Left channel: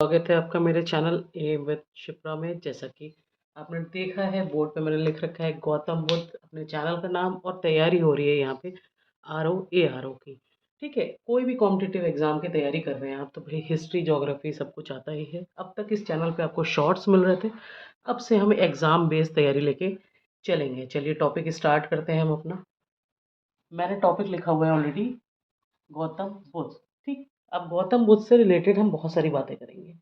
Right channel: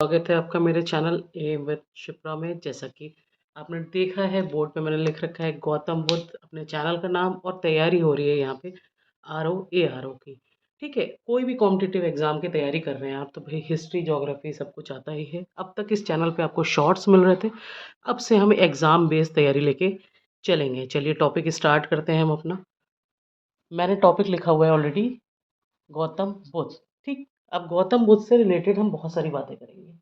स्वागत है आपका मेरे चैनल ए विद शिप्रा में। जैसा कि आपने देखा है बोर्ड पे मैंने लिख रखा है गौतम बुद्ध अपने चैनल का नाम, और तैयारी हो रही है यहाँ पे आर ओ की। ठीक है, कोई भी कॉम्पिटिटिव एग्जाम की तैयारी कर रहे हैं आप तो भाई हिस्ट्री ज्योग्राफी सब कुछ आता ही है। अब तक इस चैनल पे आपको शॉर्ट्स मिल रहे थे, अब से हम एग्ज़ाम बेस्ड तैयारी लेके चलेंगे। चलिए टॉपिक स्टार्ट करते हैं हम अपना। मैंने टॉपिक लिखा हुआ है ऑलरेडी, गौतम बुद्ध। ठीक, अब गौतम बुद्ध से रिलेटेड हम बहुत सारी बातें करेंगे।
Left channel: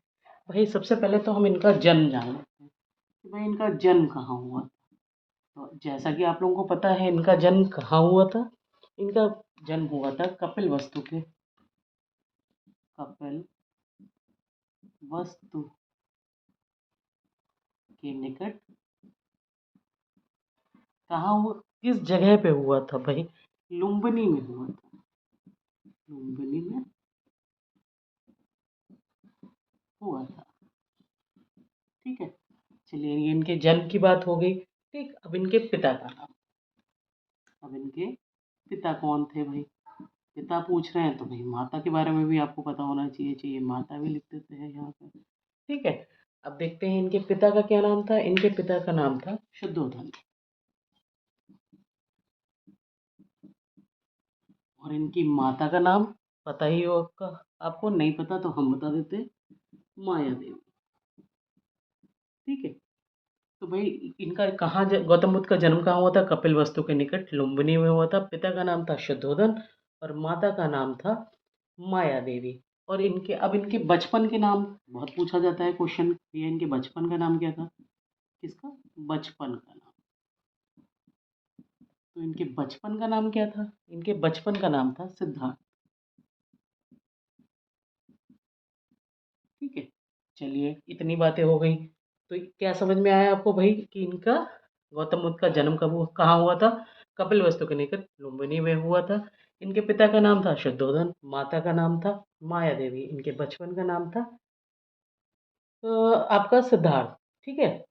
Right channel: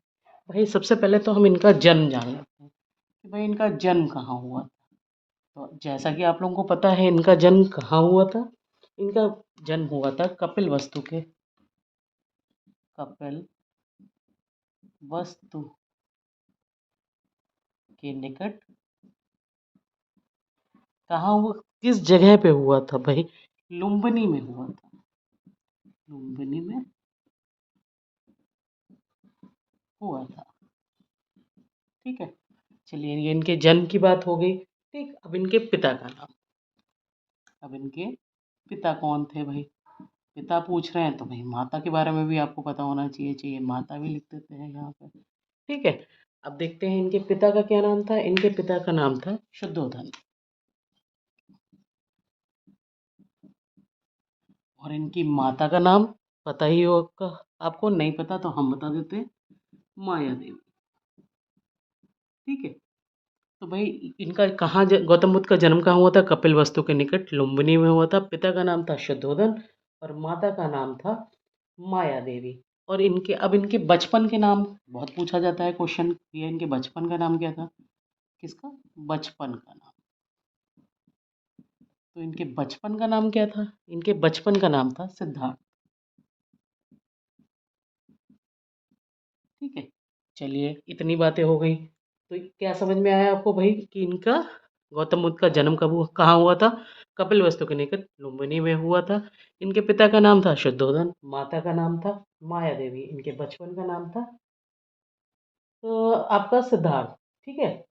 भाई सबसे पहले तो हम इनका जन्म जान लेते हैं कि भाई इनका जन्म कहाँ हुआ था। तो जैसा कि आप लोगों को पता है इनका जन्म कहाँ हुआ था। इनका जन्म हुआ था कपिल वस्तु के, कपिल वस्तु के निकट। कहाँ हुआ, किस जगह पे हुआ था भाई? लुम्बिनी में हुआ था। लुम्बिनी में हुआ था। ठीक है, चलिए ये इनके जन्म की बात हो गई। ठीक, अब इनके पिता का नाम। अब इनके पिता कौन थे भाई? पिता पूछ रहे हैं तो भाई माता के बारे में भी आपको पता होना चाहिए। चाहिए माता भी लिख देते हैं यहाँ पे। ठीक है, अब देखते हैं इनके पिता का क्या नाम था। इनके पिता का नाम था शुद्धोधन। और इनकी माता का नाम पता ही होगा आपको, नहीं पता तो हम बता देते हैं, माया देवी। ठीक है, तो भाई इनका गौतम बुद्ध का जन्म कहाँ हुआ था? कपिल वस्तु के निकट लुम्बिनी में हुआ था। पिता का नाम था शुद्धोधन और माता का नाम था माया देवी। और इनके बचपन के नाम बहुत पूछा जाता है क्वेश्चन, ये इनके बचपन का नाम क्या था? किसका बचपन का नाम? तो इनके बचपन का नाम क्या था? इनके बचपन का नाम था सिद्धार्थ। ठीक है, चलिए इतनी बातें हो गई। तो क्या समझ में आया आपको भाई कि इनका गौतम बुद्ध का जन्म कब हुआ, कहाँ हुआ था? कपिल वस्तु के निकट लुम्बिनी में हुआ था। इनके पिता का नाम था शुद्धोधन, माता का नाम था माया देवी, इनके बचपन का नाम था आपका सिद्धार्थ। ठीक है,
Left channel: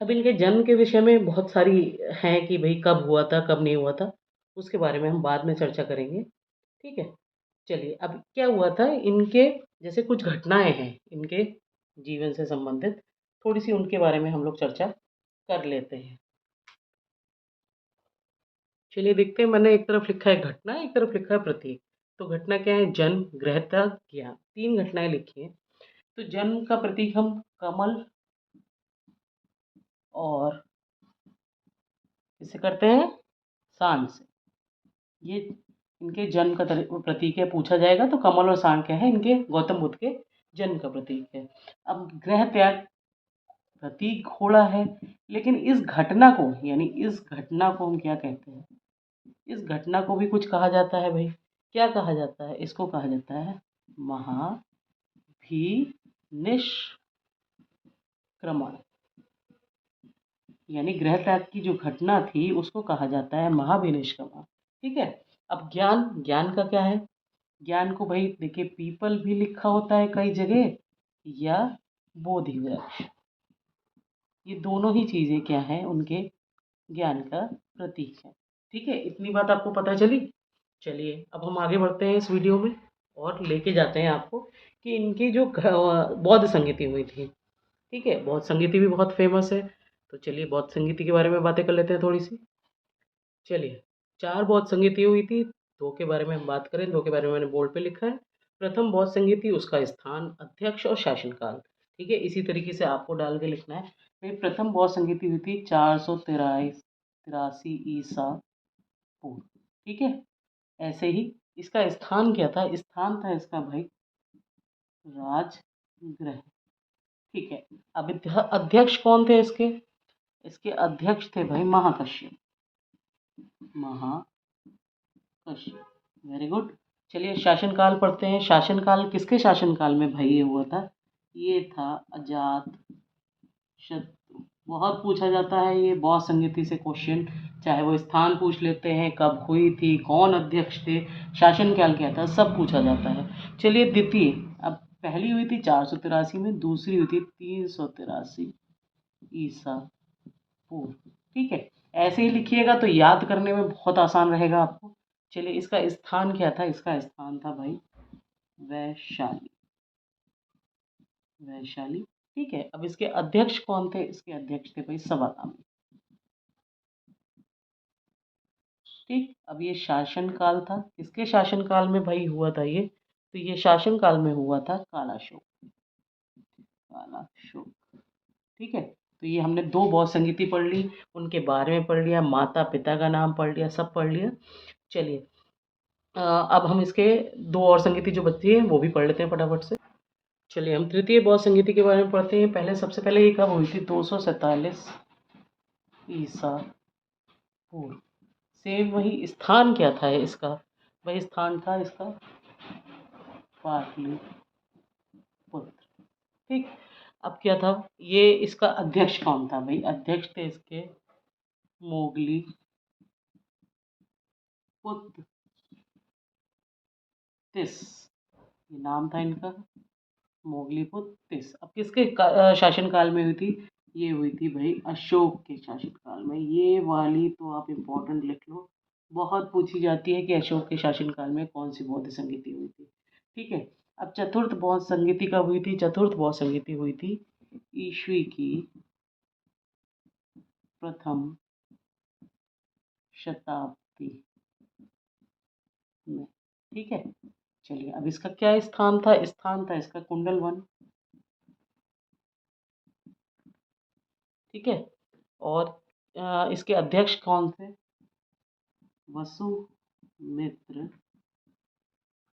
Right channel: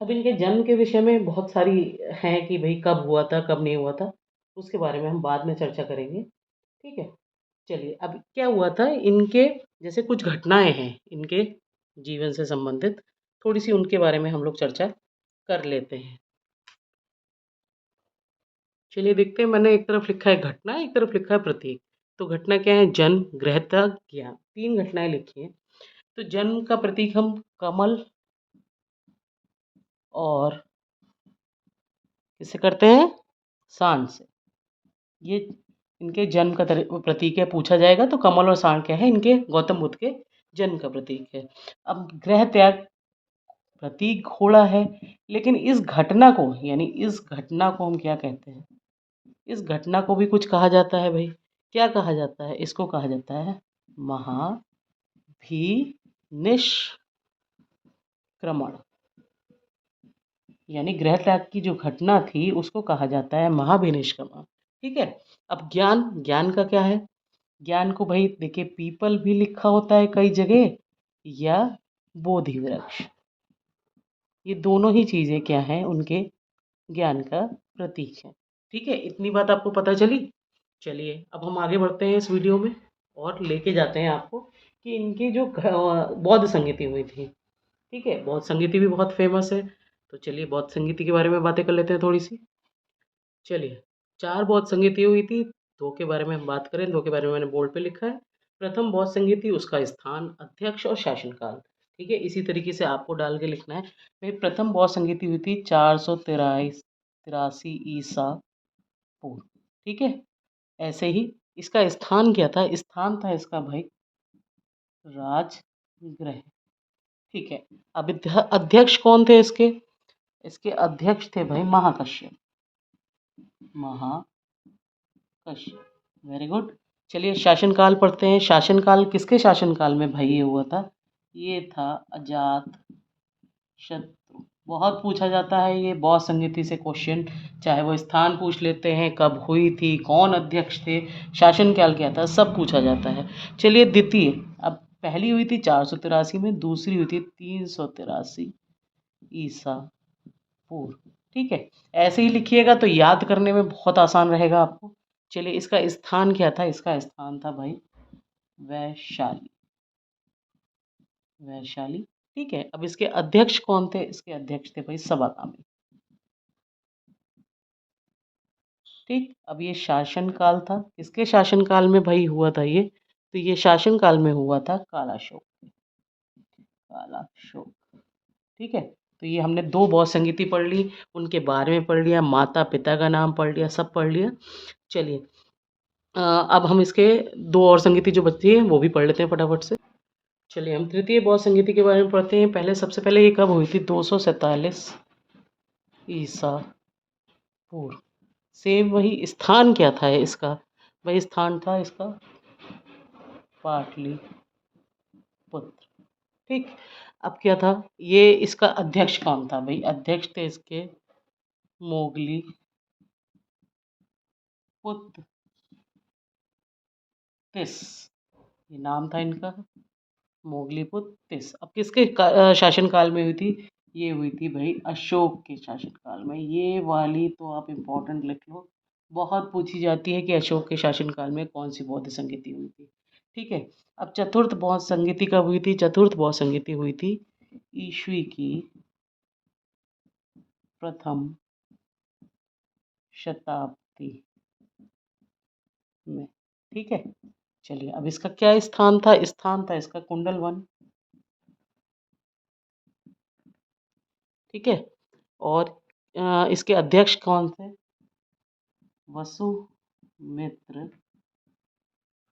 अब इनके जन्म के विषय में बहुत सारी हैं कि भाई कब हुआ था कब नहीं हुआ था, उसके बारे में हम बाद में चर्चा करेंगे। ठीक है, चलिए अब क्या हुआ था इनके, जैसे कुछ घटनाएं हैं इनके जीवन से संबंधित, थोड़ी सी उनके बारे में हम लोग चर्चा कर लेते हैं। चलिए देखते हैं, मैंने एक तरफ लिखा है घटना, एक तरफ लिखा है प्रतीक। तो घटना क्या है? जन्म, गृहत्या, ज्ञान, तीन घटनाएं लिखी हैं। तो जन्म का प्रतीक हम कमल और किससे करते हैं? सांड से। ये इनके जन्म का प्रतीक है, पूछा जाएगा तो कमल और सांड क्या है? इनके गौतम बुद्ध के जन्म का प्रतीक है। अब गृह त्याग, प्रतीक घोड़ा है, लेकिन इस घटना को, यानी इस घटना को हम क्या कहते हैं? इस घटना को भी कुछ कहा जाता है भाई। क्या कहा जाता है? इसको कहा जाता है महाभिनिष्क्रमण। यानी गृह त्याग की जो घटना थी उसको कहा जाता है महाभिनिष्क्रमण। ठीक है, अब ज्ञान, ज्ञान का क्या है? ज्ञान को भाई देखिए पीपल भी लिखा होता है कई जगह, या बोधि वृक्ष। ये दोनों ही चीज़ें क्या हैं? उनके ज्ञान का प्रतीक है। ठीक है, इतनी बात आपको पता चली। चलिए अब हम आगे बढ़ते हैं इस वीडियो में और लेके जाते हैं आपको कि इनकी जो बौद्ध संगीति हुई थी। ठीक है, बौद्ध संगीति भी बहुत फेमस है। तो चलिए बौद्ध संगीति के बारे में बातें कर लेते हैं थोड़ी सी। चलिए, चार बौद्ध संगीति हुई थी। दो के बारे में हम बात करें, दो के बारे में मैंने बोर्ड पे लिखा है। प्रथम बौद्ध संगीति, उसका स्थान, अध्यक्ष और शासनकाल। ठीक है, इसी तरीके से आपको डाल के लिखना है। भाई प्रथम बौद्ध संगीति हुई थी 483 ईसा पूर्व। ठीक है, ऐसे ही इसका स्थान क्या था? स्थान था इसका भाई राजगृह। ठीक है, अब अध्यक्ष कौन थे इसके? इसके अध्यक्ष थे भाई महाकश्यप। Mahakashyap, very good. चलिए शासनकाल पढ़ते हैं। शासनकाल किसके शासनकाल में भाई ये हुआ था? ये था अजात शत्रु। बहुत पूछा जाता है ये बौद्ध संगीति से क्वेश्चन, चाहे वो स्थान पूछ लेते हैं, कब हुई थी, कौन अध्यक्ष थे, शासनकाल क्या था, सब पूछा जाता है। चलिए द्वितीय, अब पहली हुई थी 483 में, दूसरी हुई थी 383 ईसा पूर्व। ठीक है, ऐसे ही लिखिएगा तो याद करने में बहुत आसान रहेगा आपको। चलिए इसका स्थान क्या था? इसका स्थान था भाई वैशाली। वैशाली। ठीक है, अब इसके अध्यक्ष कौन थे? इसके अध्यक्ष थे भाई सवाकामी। ठीक, अब ये शासन काल था, किसके शासन काल में भाई हुआ था ये? तो ये शासन काल में हुआ था कालाशोक। कालाशोक। ठीक है, तो ये हमने दो बौद्ध संगीति पढ़ ली, उनके बारे में पढ़ लिया, माता पिता का नाम पढ़ लिया, सब पढ़ लिया। चलिए, अब हम इसके दो और संगीति जो बचती है वो भी पढ़ लेते हैं फटाफट से। चलिए, हम तृतीय बौद्ध संगीति के बारे में पढ़ते हैं। पहले सबसे पहले ये कब हुई थी? 247 ईसा पूर्व। सेम वही स्थान क्या था इसका? वही स्थान था इसका पाटलिपुत्र। ठीक, अब क्या था? ये इसका अध्यक्ष कौन था भाई? अध्यक्ष थे इसके मोगली पुत्र तिस। ये नाम था इनका मोगलीपुत्र तिस। अब किसके शासनकाल में हुई थी? ये हुई थी भाई अशोक के शासनकाल में। ये वाली तो आप इम्पोर्टेंट लिख लो, बहुत पूछी जाती है कि अशोक के शासनकाल में कौन सी बौद्ध संगीति हुई थी। ठीक है, अब चतुर्थ बौद्ध संगीति कब हुई थी? चतुर्थ बौद्ध संगीति हुई थी ईस्वी की प्रथम शताब्दी में। ठीक है, चलिए, अब इसका क्या स्थान था? स्थान था इसका कुंडल वन। ठीक है, और इसके अध्यक्ष कौन थे? वसुमित्र,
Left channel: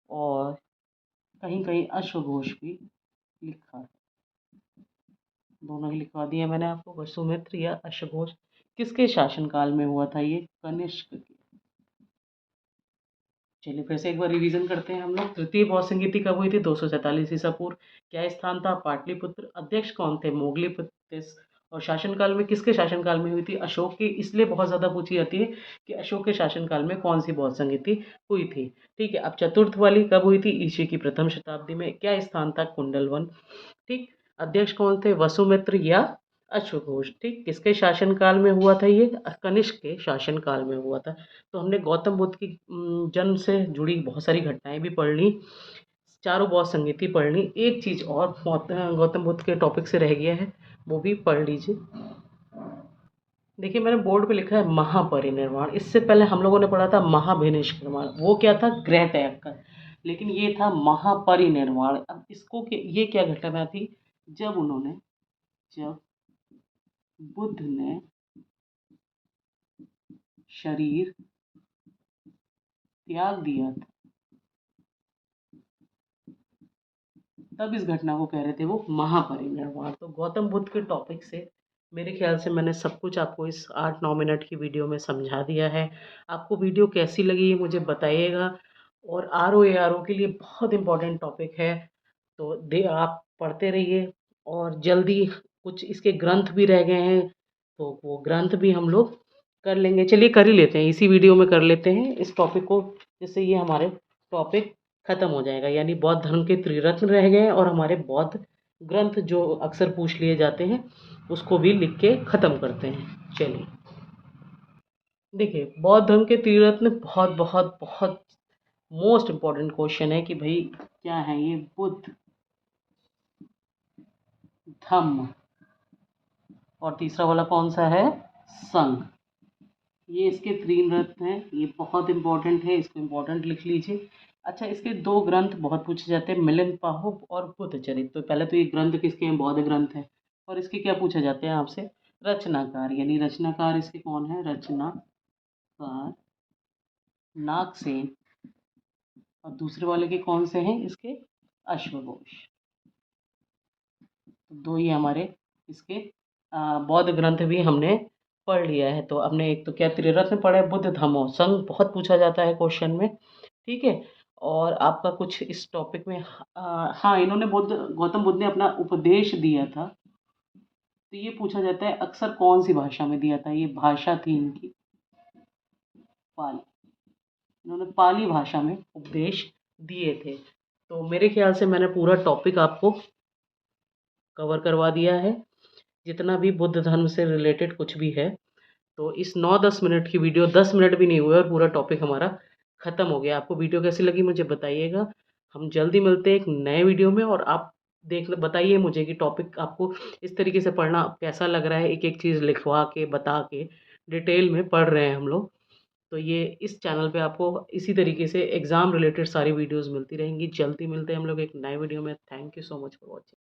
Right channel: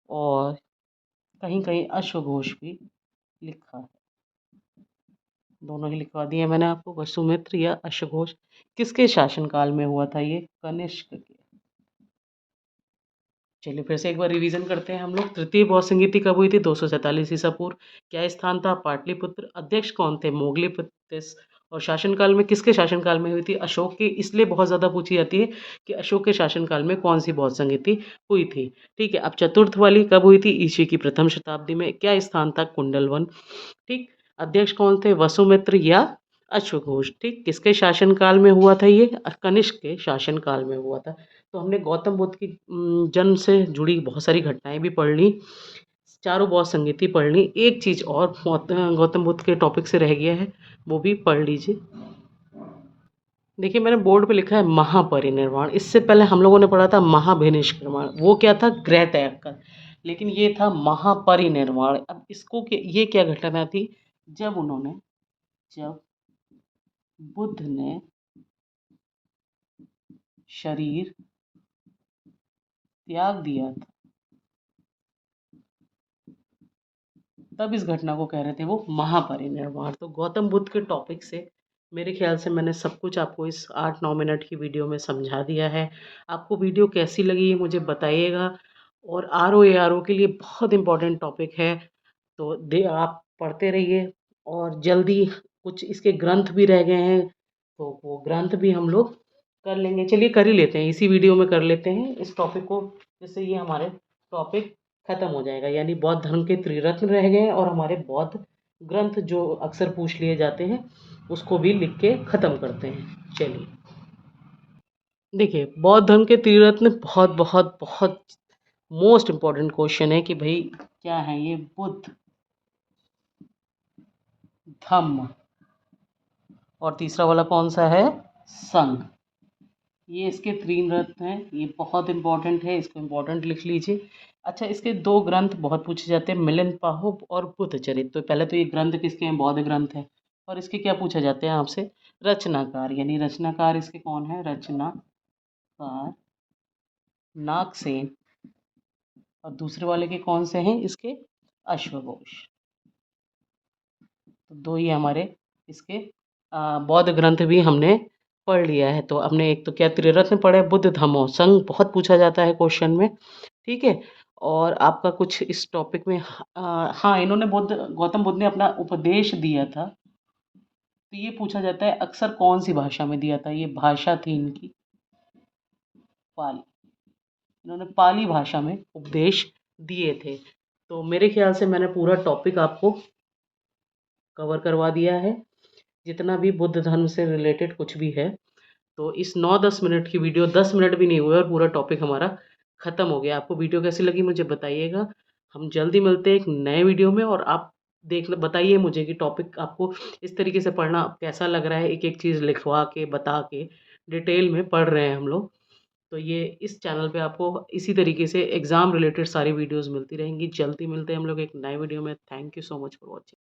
और कहीं कहीं अश्वघोष भी लिखा है। दोनों ही लिखवा दिए मैंने आपको, वसुमित्र या अश्वघोष। किसके शासनकाल में हुआ था ये? कनिष्क के। चलिए, फिर से एक बार रिवीजन करते हैं हम लोग। तृतीय बौद्ध संगीति कब हुई थी? 247 ईसा पूर्व। क्या स्थान था? पाटलिपुत्र। अध्यक्ष कौन थे? मोगलीपुत्र। और शासनकाल में किसके शासनकाल में हुई थी? अशोक के। इसलिए बहुत ज़्यादा पूछी जाती है कि अशोक के शासनकाल में कौन सी बौद्ध संगीति हुई थी। ठीक है, अब चतुर्थ वाली कब हुई थी? ईस्वी की प्रथम शताब्दी में। क्या स्थान था? कुंडलवन। ठीक, अध्यक्ष कौन थे? वसुमित्र या अश्वघोष। ठीक, किसके शासनकाल में हुआ था ये? कनिष्क के शासनकाल में हुआ था। तो हमने गौतम बुद्ध की जन्म से जुड़ी बहुत सारी घटनाएं भी पढ़ ली, चारों बौद्ध संगीति पढ़ ली। एक चीज़ और गौतम बुद्ध के टॉपिक से रह गया है, वो भी पढ़ लीजिए। देखिए, मैंने बोर्ड पे लिखा है महापरिनिर्वाण। इससे पहले हम लोगों ने पढ़ा था महाभिनिष्क्रमण, वो क्या था? गृह त्याग का। लेकिन ये था महापरिनिर्वाण। अब इसको ये क्या घटना थी? जब बुद्ध ने शरीर त्याग दिया था, तब इस घटना को कह रहे थे वो महापरिनिर्वाण। तो गौतम बुद्ध के टॉपिक से मेरे ख्याल से मैंने सब कुछ आपको इस 8-9 मिनट की वीडियो में समझा दिया है। आपको वीडियो कैसी लगी ये मुझे बताइएगा। और ROARO के लिए बहुत इम्पोर्टेंट टॉपिक है, तो दे आप पढ़ते रहिए। और जल्दी कुछ इसके ग्रंथ भी रह गए हैं, तो वो ग्रंथ भी हम लोग कर लेंगे। चलिए, कर ही लेते हैं, इसी वीडियो में कर लेते हैं इस टॉपिक को, जिससे ये हमारे टॉपिक खत्म हो जाएगा। यानी बौद्ध धर्म के त्रिरत्न रह गए हैं, और हमारे बौद्ध ग्रंथ जो अक्सर पूछ लिए जाते हैं उसको भी लिख के ख़त्म करते हैं। चलिए, देखिए, बौद्ध धर्म के त्रिरत्न बहुत बहुत बहुत मोस्ट इम्पॉर्टेंट क्वेश्चन है कि भाई क्या है ये? बुद्ध, धम्म, और तीसरा वाला कौन सा है? संघ। ये इसके तीन रत्न हैं, ये बहुत इंपॉर्टेंट है, इसको इम्पोर्टेंट लिख लीजिए। अच्छा, इसके दो ग्रंथ बहुत पूछे जाते हैं, मिलिंद पाहुब और बुद्ध चरित। तो पहले तो ये ग्रंथ किसके हैं? बौद्ध ग्रंथ है। और इसके क्या पूछा जाते हैं आपसे? रचनाकार। यानी रचनाकार इसके कौन है? रचनाकार नागसेन। और दूसरे वाले के कौन से हैं इसके? अश्वघोष। तो दो ही हमारे इसके बौद्ध ग्रंथ भी हमने पढ़ लिया है। तो हमने एक तो क्या त्रिरत्न पढ़े, बुद्ध धम्मो संघ, बहुत पूछा जाता है क्वेश्चन में। ठीक है, और आपका कुछ इस टॉपिक में हाँ, इन्होंने गौतम बुद्ध ने अपना उपदेश दिया था, तो ये पूछा जाता है अक्सर कौन सी भाषा में दिया था? ये भाषा थी इनकी पाली। इन्होंने पाली भाषा में उपदेश दिए थे। तो मेरे ख्याल से मैंने पूरा टॉपिक आपको कवर करवा दिया है, जितना भी बुद्ध धर्म से रिलेटेड कुछ भी है। तो इस 9-10 मिनट की वीडियो, 10 मिनट भी नहीं हुए और पूरा टॉपिक हमारा ख़त्म हो गया। आपको वीडियो कैसी लगी मुझे बताइएगा। हम जल्दी मिलते हैं एक नए वीडियो में, और आप देख बताइए मुझे कि टॉपिक आपको इस तरीके से पढ़ना कैसा लग रहा है, एक एक चीज़ लिखवा के बता के डिटेल में पढ़ रहे हैं हम लोग। तो ये इस चैनल पे आपको इसी तरीके से एग्ज़ाम रिलेटेड सारी वीडियोस मिलती रहेंगी। जल्दी मिलते हैं हम लोग एक नए वीडियो में। Thank you so much for watching.